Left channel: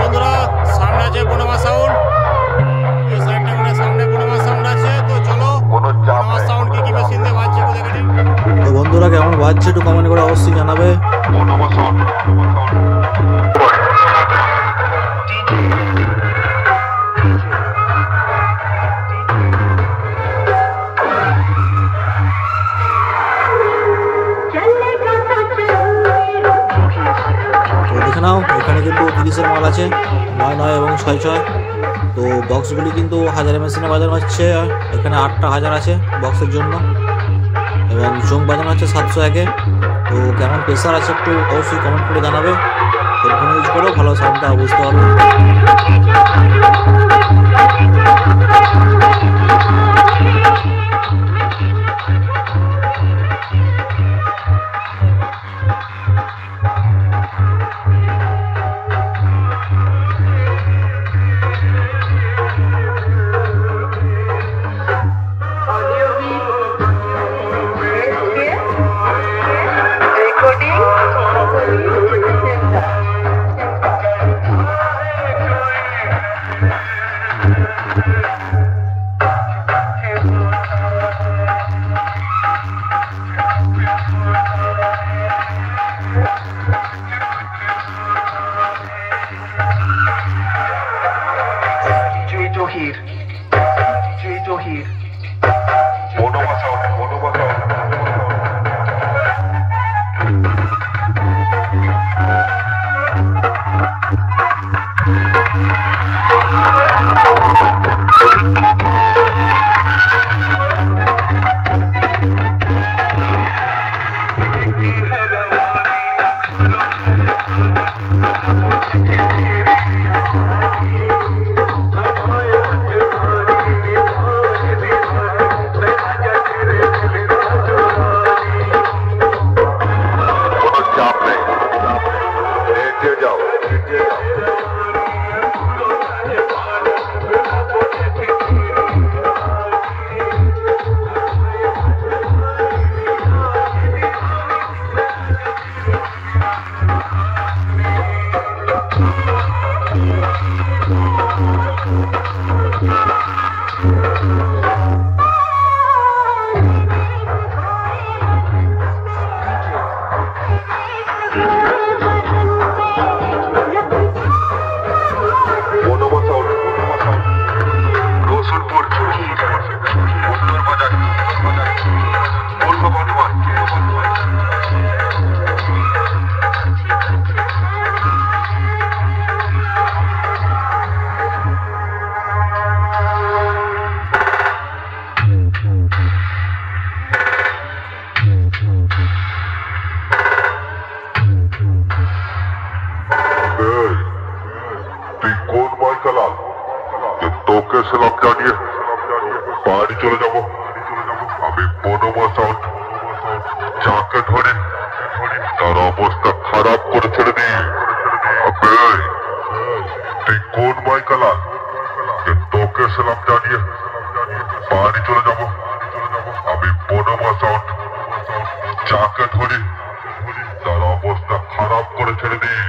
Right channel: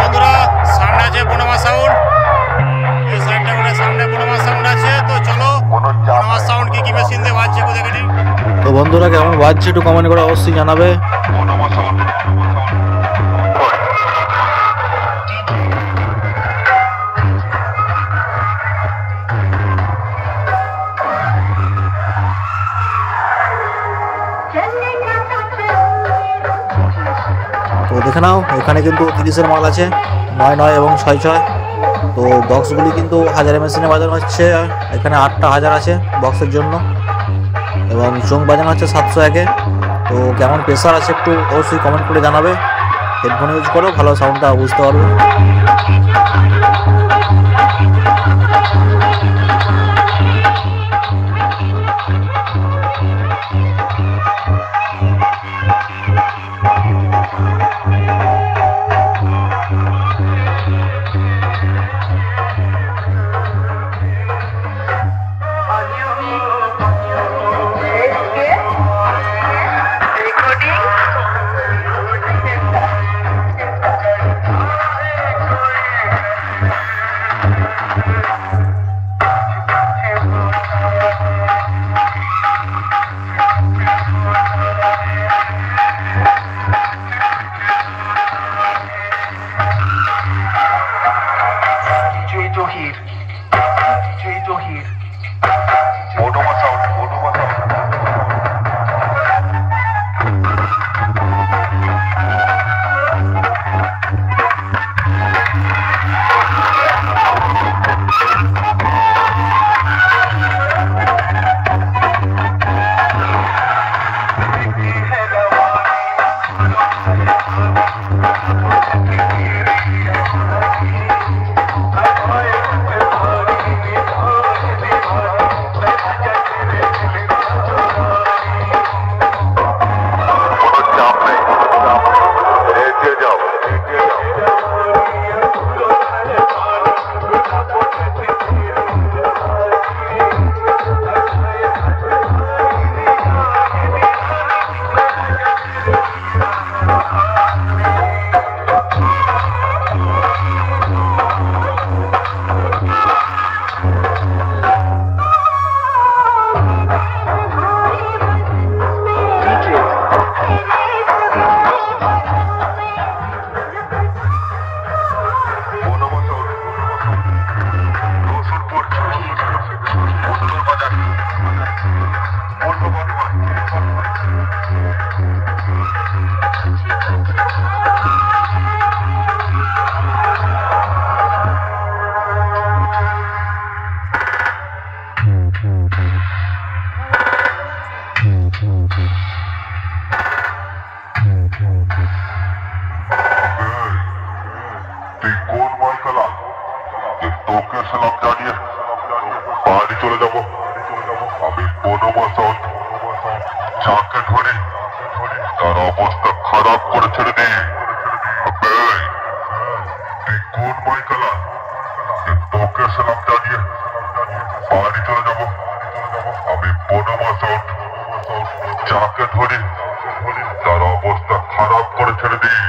বন্ধুরা সামনে আছে বনমা সাউন্ড, এই সাইডটা করে সামনে বনমা সাউন্ড আছে। তো চলো বনমা সাউন্ড কি মেশিন দিয়ে বাজছে দেখে নিই। তো বন্ধুরা কেমন বাজছে একটু কমেন্ট করে অবশ্যই জানাবে। তো দেখে নাও এখানে কিন্তু 30-এর মাল আছে, 9 এবং 6 তো বক্সগুলি কিন্তু 1000 মেশিনে বাজানো হচ্ছে। এখানে 8টা 1000 আছে বক্সের জন্য এবং চোং বাজানো হচ্ছে 701-এ। তো কেমন প্রেসার আছে একটু অবশ্যই কমেন্ট করে জানাবে। হেডফোন ইউজ করো, ভালো সাউন্ডটা বুঝতে পারবে। তোকে সালাম জানিয়ে বাড়ি চলে যাবো। আমি বনমা সাউন্ড যাকে ধরি তার অবস্থা খারাপ করে ছেড়ে দিই। তুই কোন মাইকালাল তোকে সালাম জানিয়ে বাড়ি চলে যাবো। আমি বনমা সাউন্ড যাকে ধরি তার অবস্থা খারাপ করে ছেড়ে দিই।